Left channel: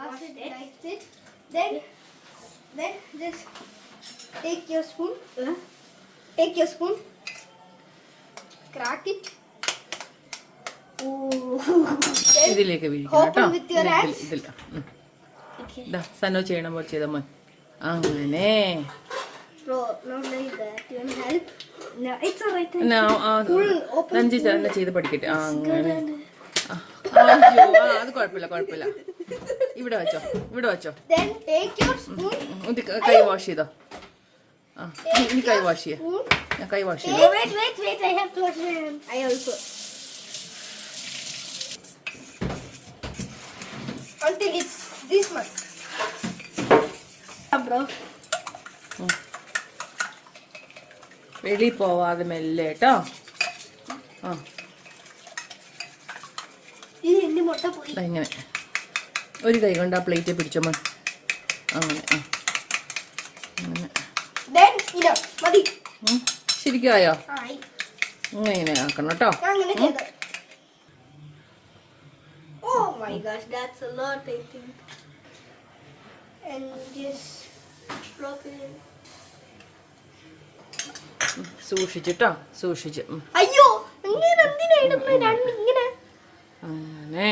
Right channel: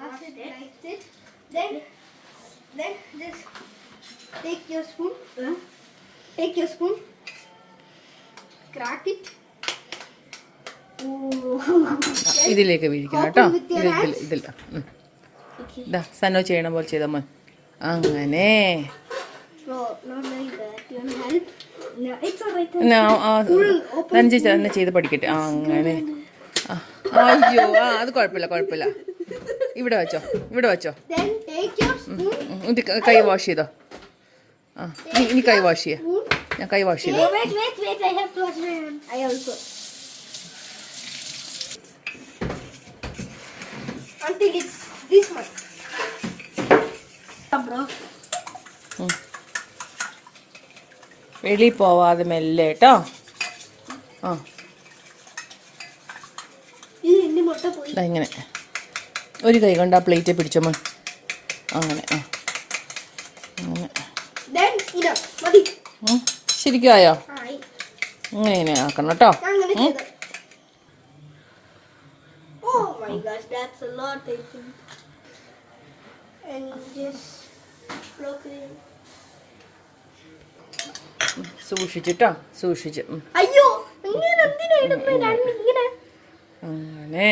wash it like it. Then just take your spoon. Take your spoon. Crack it. ഇതിലേക്ക് വീഴിക്കണം കേട്ടോ. ഇതില്ല. സന്നോ ചെയ്യണ പോലെ ചെയ്ത മോൻ. അങ്ങനെ തന്നെ ചെയ്ത് പഠിക്കട്ടെ. അങ്ങനെ അയ്യോ അത് കുഴപ്പമില്ല. ഇവിടെ വെച്ചോ. കൈ വാഷ് ചെയ്തോ. ഇനി കൈ വാഷ് ചെയ്യാം. ഞാൻ കൈ വാഷ് ചെയ്തു. Until it's this much. Bro. വെളി പോവാതെ മെല്ലെ കേട്ടോ. ഇങ്ങനെ ഒരു കൈ കൊണ്ട് ആ പ്ലേറ്റ് പിടിച്ചോ മോൻ. അങ്ങനെ ശരിക്കും ആയോ? ഇങ്ങനെ ആക്കണം കേട്ടോ. Oh my gosh, that's a lot, I think. And just plug it in. സൂക്ഷിച്ചിട്ടോ. അയ്യോ, ഇങ്ങനെ അങ്ങനെ